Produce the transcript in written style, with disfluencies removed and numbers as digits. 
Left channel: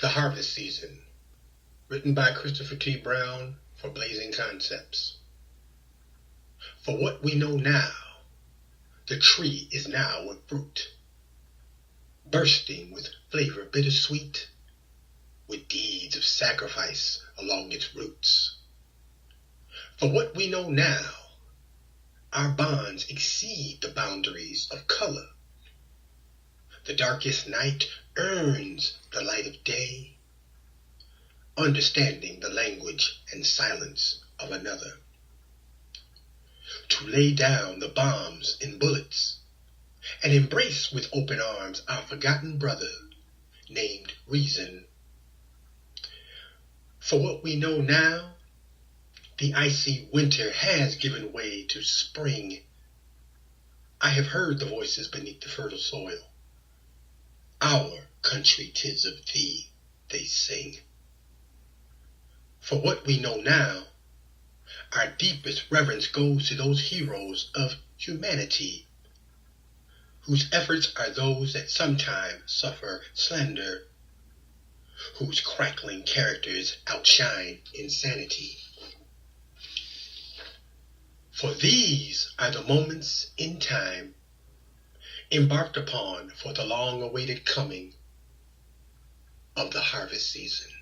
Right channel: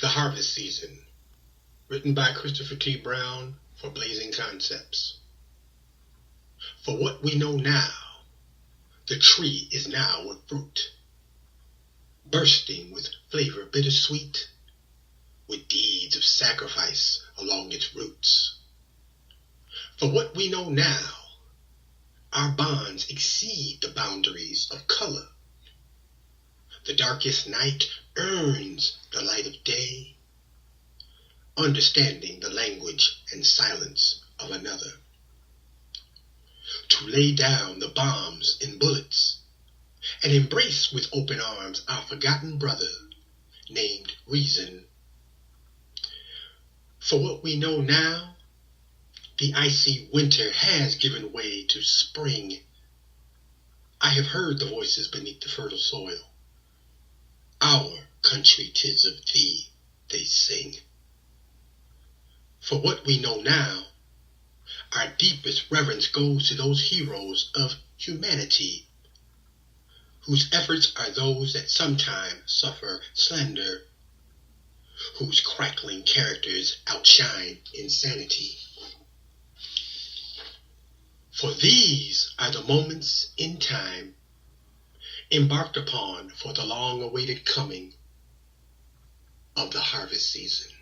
The Harvest Season, written by Christopher T. Brown for Blazing Concepts. For what we know now, the tree is now with fruit, bursting with flavor bittersweet, with deeds of sacrifice along its roots. For what we know now, our bonds exceed the boundaries of color. The darkest night earns the light of day, understanding the language and silence of another. To lay down the bombs and bullets, and embrace with open arms our forgotten brother named Reason. For what we know now, the icy winter has given way to spring. I have heard the voices beneath the fertile soil. Our country 'tis of thee, they sing. For what we know now, our deepest reverence goes to those heroes of humanity, whose efforts are those that sometimes suffer slander, whose crackling characters outshine insanity. For these are the moments in time embarked upon for the long-awaited coming of the harvest season.